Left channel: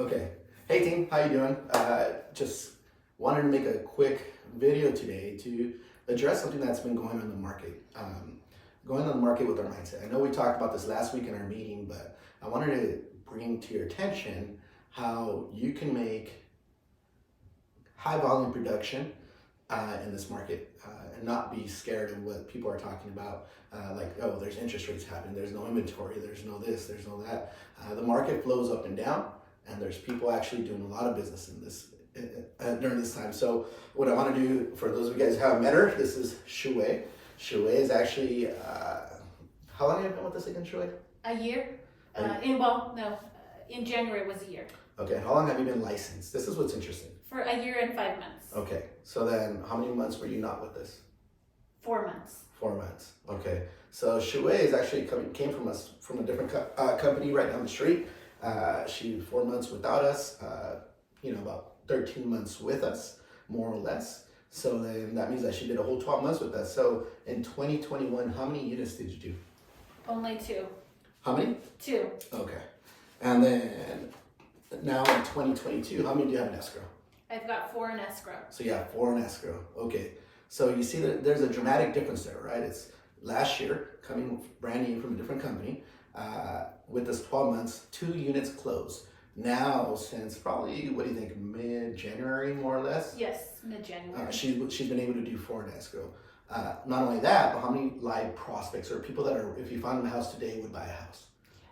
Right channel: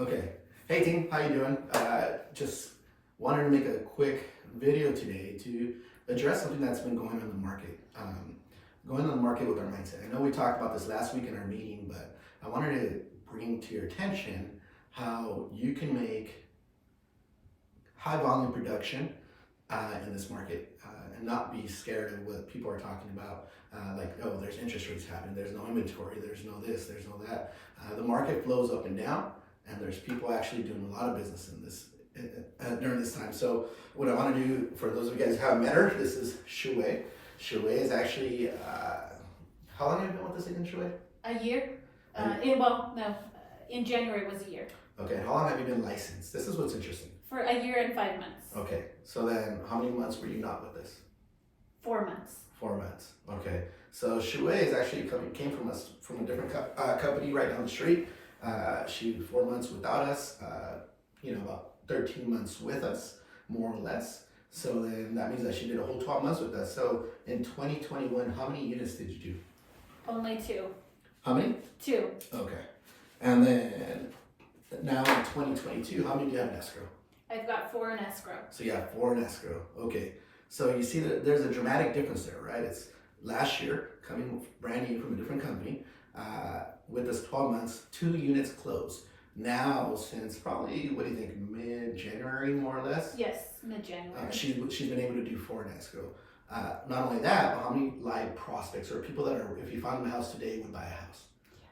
Okay. Hey team, how you doing? Just wanted to make a quick video today to address something that's been going on in the market. Going on the market with our mindset. I know we talked about this last week in our meeting, but I wanted to bring to your attention how you can make high volume production in this market and not be scared of what people are talking about. Like, oh, there's interest rates happening, there's no inventory, there's no this, there's no that. The market flows up and down, and there's people actually doing a lot of business in this during this time. So what I want to do, for those of you guys who haven't met her, this is Shueye. Shueye is actually, how long have you been with this again, Shueye? A year. In January was a year. Okay, how long have you been licensed? This is what's interesting. For a year and 5 months. Okay, so then how many months were you not with this? 4 months. 4 months. Okay, so Shueye is actually came from us from a different company right down the street. She was 4 months without us. About 13 months with us, more or less. So then that means that she did a whole 12 months with us. So in 2021, how many units did you do? Only 2. How many? 2. Okay, and then now in 2022, how many do you have in escrow? I've got 4 in escrow. So you have 4 in escrow. Okay. So you see that there's a dramatic difference there, right? It's last year, coming brand new from a different company, with this 12 months, 2 units closed. Now, since probably, what do you think, mid-January, more or less? Yes, mid-January. She's been able to do 4 in escrow. Not only that, but how many live prospects or people that are, if you find them a house today, would buy a house?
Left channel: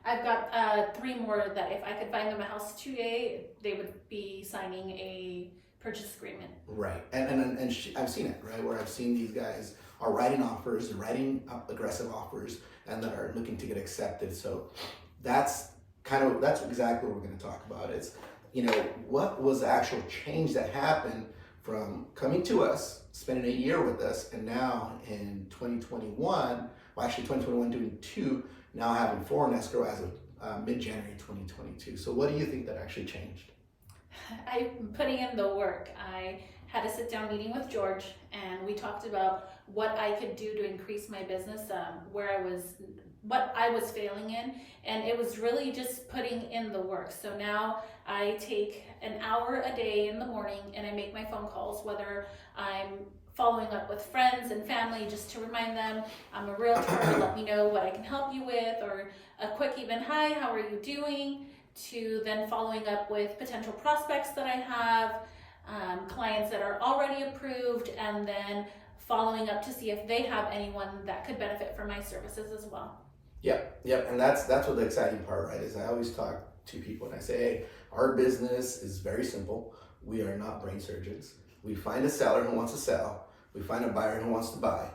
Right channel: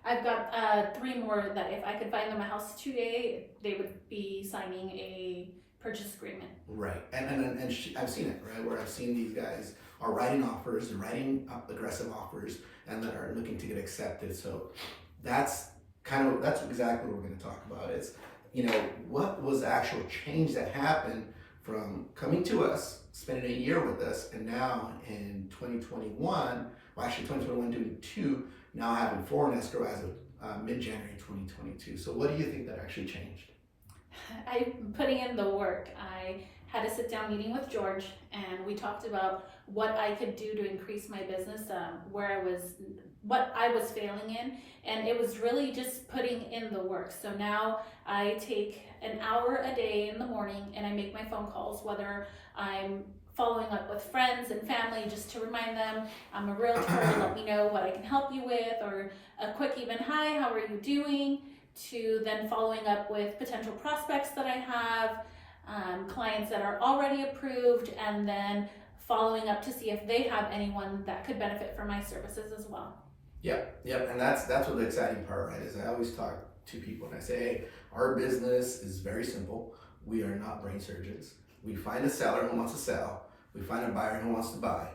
I've got 3 more that if I could find them a house today, they would be signing a purchase agreement. Right, and I've seen it, right, where I've seen these guys are writing offers, they're writing up aggressive offers, and that are looking to get accepted. So that's exactly what we're going to talk about. It's, what was the actual change that happened from coming to us, spending a year with us, and now in 2021, well actually 2021 doing 2, now having 4 in escrow as of mid-January 2022. So what do you think that actually changed? I'm putting in the work. I had a sit-down meeting with George, and we talked about what I could do to increase my business, what I was failing in, and it was really just putting in the work. So now I take an hour a day in the morning, and I make my phone calls, whether I'm following up with friends and family just to remind them I'm a realtor, let me know what I can help you with, or a quick even hi, how are you doing, to then following up with potential prospects that I have, clients that are already approved, and then following up to see if they have anyone that could benefit from my services as well. Yep, and that's what the exciting part, right, is I always talk to people and I say, hey, our business is very simple. We are not brain surgeons. We find a seller who wants to sell. We find a buyer who wants to buy,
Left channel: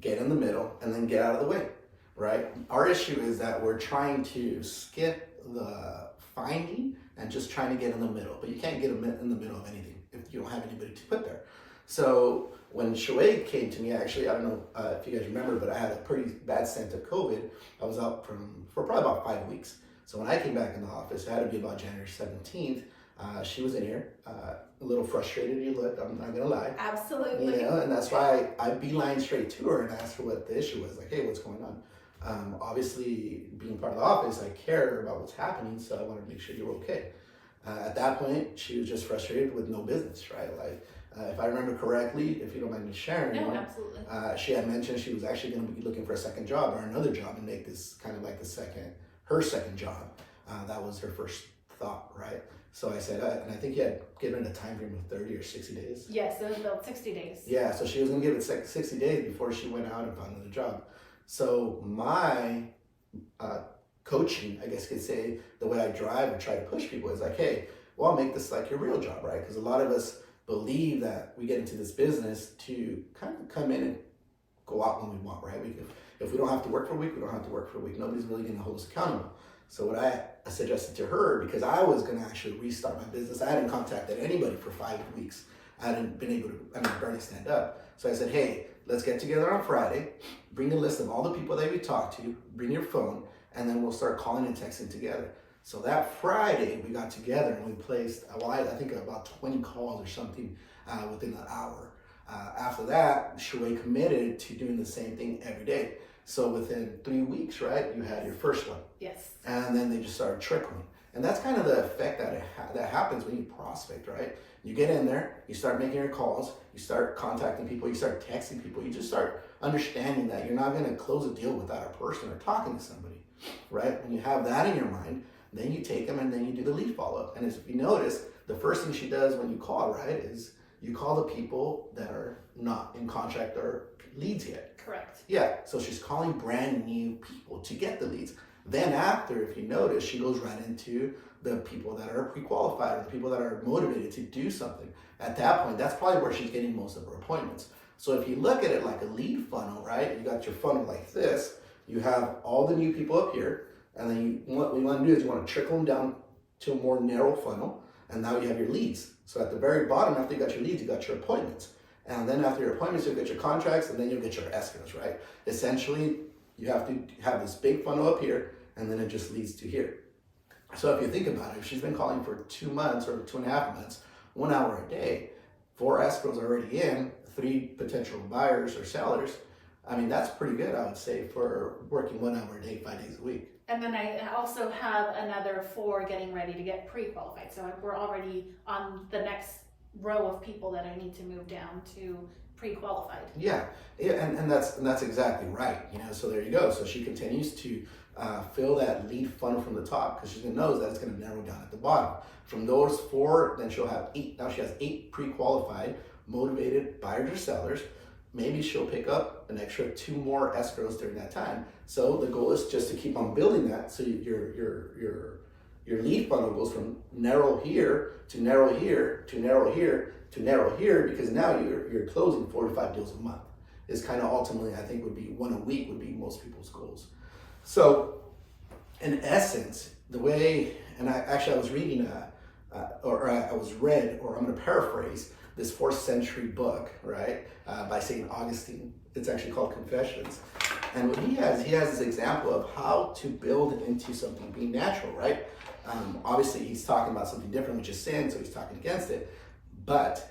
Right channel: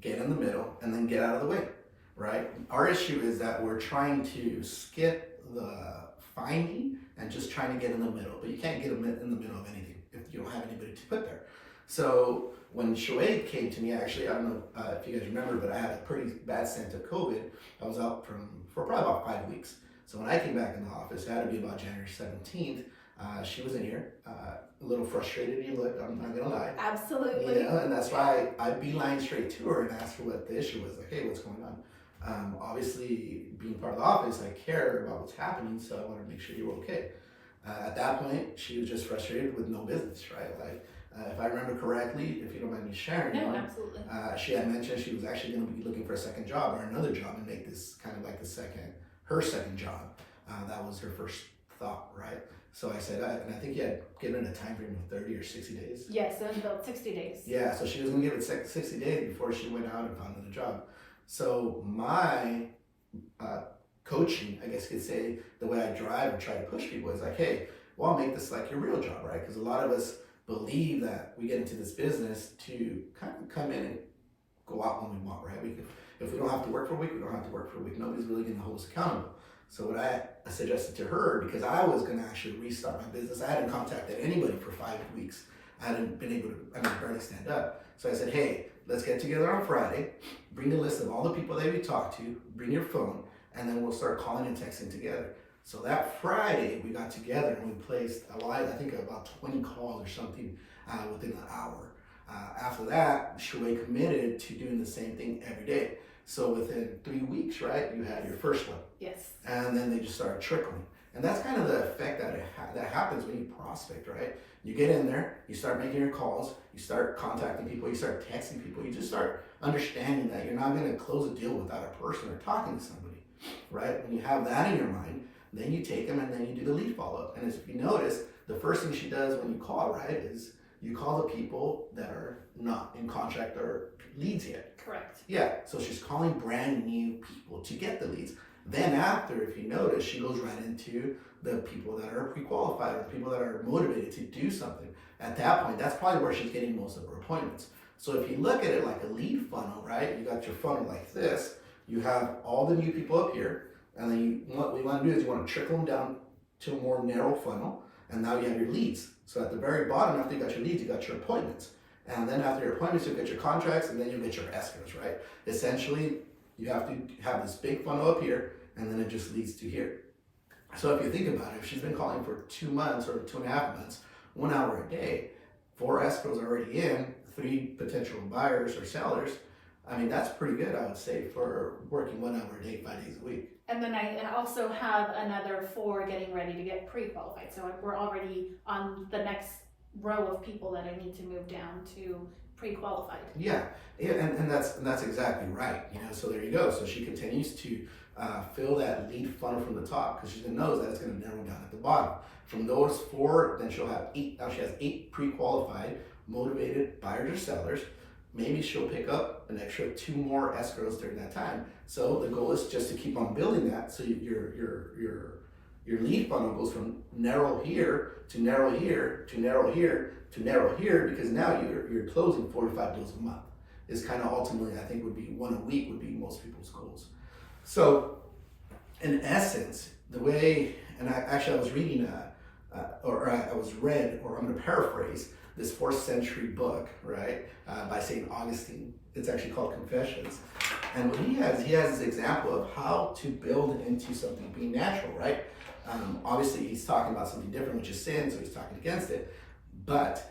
get in the middle, and then get out of the way, right? Our issue is that we're trying to skip the finding and just trying to get in the middle, but you can't get in the middle of anything if you don't have anybody to put there. So when Shueye came to me, actually, I don't know if you guys remember, but I had a pretty bad stint of COVID. I was out for probably about 5 weeks. So when I came back in the office, it had to be about January 17th. She was in here, a little frustrated. You looked, I'm not gonna lie. Absolutely. And that's why I beeline straight to her and asked her what the issue was. Like, hey, what's going on? Obviously, being part of the office, I care about what's happening, so I wanted to make sure you were okay. At that point, she was just frustrated with no business, right? Like, if I remember correctly, if you don't mind me sharing, Absolutely. She had mentioned she was actually going to be looking for a second job or another job and make this kind of like her second job. That was her first thought, right? So I said, and I think you had given a time frame of 30 or 60 days. Yes, it was about 60 days. Yeah, so she was going to give it 60 days before she went out and found another job. So my coaching, I guess you could say, the way I drive and try to push people is like, hey, well, make this like your real job, right? Because a lot of us believe that we get into this business to kind of come in and go out when we want, right? If we don't have to work for a week, we don't have to work for a week. Nobody's really going to hold us accountable. So what I suggested to her, because I was going to actually restart my business, I hadn't contacted anybody for 5 weeks. I hadn't been able to, barely stand up. So I said, hey, let's get together on Friday, bring a list of all the people that we talked to, bring your phone, and then we'll start calling and texting together. So that Friday, we got together and we placed, I think about 20 calls or something within an hour. After that, Shueye committed to doing the same thing every day. So within 3 weeks, right, you had your first one. Yes. And then they just started trickling. And that's kind of the effect that that happens when you prospect, right? You get in there, you start making your calls, you start contacting people, you start texting people, you just start understanding that you're not going to close a deal without a person or talking to somebody, right? When you have that in your mind, then you take them and then you do the lead follow-up. And if you notice, the first thing she does when you call, right, is you call the people that are not in contract or leads yet. Correct. Yeah, so she's calling brand new people to get the leads. Then after, if you notice, she goes right into the people that are pre-qualified or the people that are motivated to do something. At that point, that's probably where she's getting most of her appointments. So if you look at it like a lead funnel, right, you got your funnel like this, you have all the new people up here, and then what we want to do is you want to trickle them down to a more narrow funnel, and now you have your leads. So at the very bottom, after you got your leads, you got your appointments. And then after your appointments, you'll get your contracts, and then you'll get your escrows, right? Essentially, you have to have this big funnel up here, and then it just leads to here. So if you think about it, if she's been calling for 2 months or 2.5 months, 1 hour a day, 4 escrows already in, 3 potential buyers or sellers, I mean, that's pretty good, I would say, for working 1 hour a day, 5 days a week. And then I also have another 4 getting ready to get pre-qualified. So we're already on the next row of people that I need to move down to pre-qualified. Yeah, and that's exactly right. So there you go. So she continues to fill that lead funnel from the top because she knows that it's going to narrow down at the bottom. From those 4, then she'll have 8. Now she has 8 pre-qualified, motivated buyers or sellers. Maybe she'll pick up an extra 2 more escrows during that time. So the goal is just to keep on building that. So your lead funnel goes from narrow here to narrow here to narrow here to narrow here, because now you're closing 45 deals a month. Is kind of ultimately, I think, would be 1 a week would be most people's goals. So in essence, the way, and I was reading or I'm going to paraphrase this 4th century book, right, by St. Augustine. It's actually called Confessions. And what he has this example of how to build into something being natural, right? Obviously, he's talking about something different, which is sin, so he's talking against it. But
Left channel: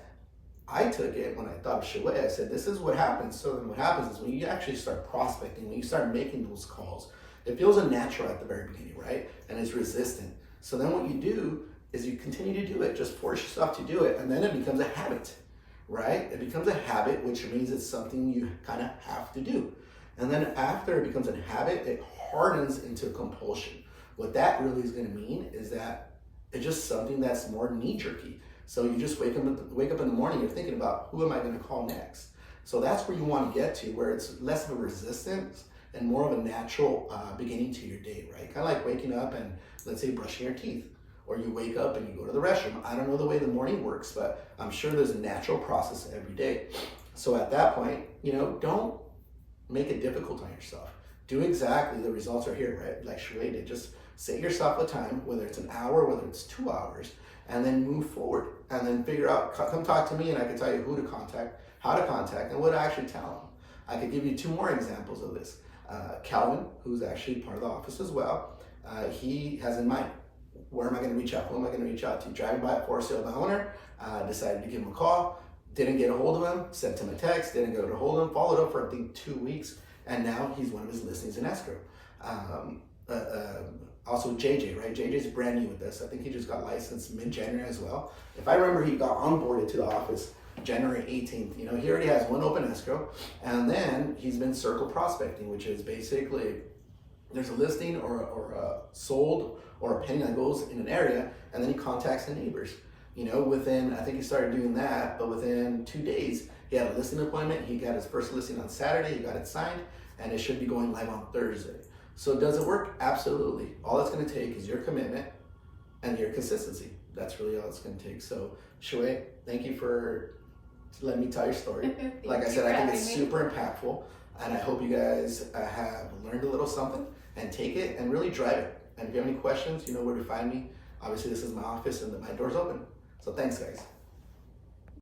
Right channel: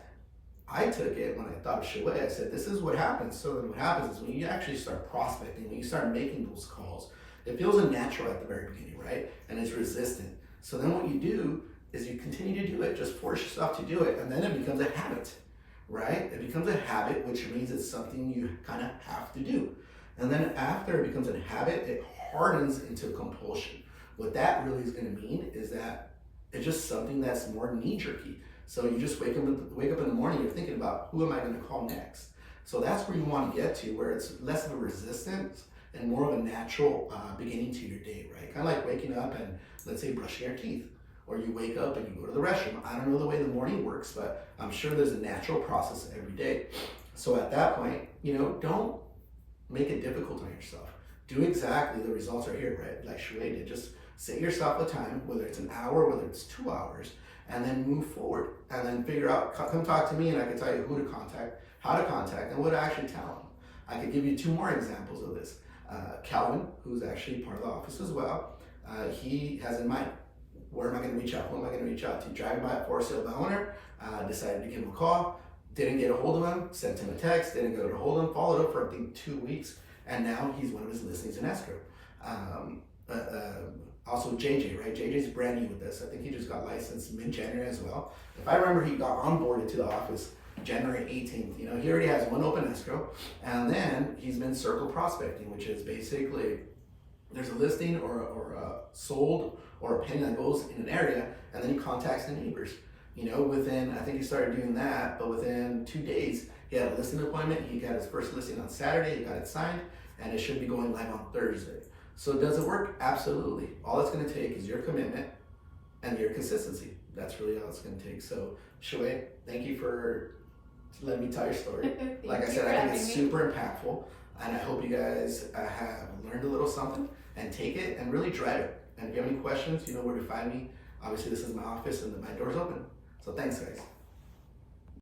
I took it when I thought of Shueye. I said, this is what happens. So then what happens is when you actually start prospecting, when you start making those calls, it feels unnatural at the very beginning, right? And it's resistant. So then what you do is you continue to do it. Just force yourself to do it. And then it becomes a habit, right? It becomes a habit, which means it's something you kind of have to do. And then after it becomes a habit, it hardens into compulsion. What that really is going to mean is that it's just something that's more knee-jerky. So you just wake up in the morning, you're thinking about, who am I going to call next? So that's where you want to get to, where it's less of a resistance and more of a natural beginning to your day, right? Kind of like waking up and, let's say, brushing your teeth. Or you wake up and you go to the restroom. I don't know the way the morning works, but I'm sure there's a natural process every day. So at that point, don't make it difficult on yourself. Do exactly, the results are here, right? Like Shueye did. Just set yourself a time, whether it's an hour, whether it's 2 hours, and then move forward. And then figure out, come talk to me and I can tell you who to contact, how to contact, and what to actually tell them. I could give you 2 more examples of this. Calvin, who's actually part of the office as well, he has in mind, where am I going to reach out? Who am I going to reach out to? Driving by a for sale by owner, decided to give him a call, didn't get a hold of him, sent him a text, didn't get a hold of him, followed up for I think 2 weeks, and now he's one of his listings in escrow. Also JJ, right? JJ's brand new with this. I think he just got licensed mid-January as well. If I remember, he got onboarded to the office January 18th. He already has 1 open escrow, and then he's been circle prospecting, which is basically there's a listing or a sold or a pending that goes in an area, and then he contacts the neighbors. Within, I think he started doing that, but within 2 days, he had a listing appointment. He got his first listing on Saturday, he got it signed, and it should be going live on Thursday. So does it work? Absolutely. All it's gonna take is your commitment and your consistency. That's really all it's gonna take. So Shueye, thank you for letting me tell your story. Like I said, I think it's super impactful, and I hope you guys have learned a little something and take it and really drive it. And if you have any questions, you know where to find me. Obviously, this is my office and my door's open. So thanks, guys.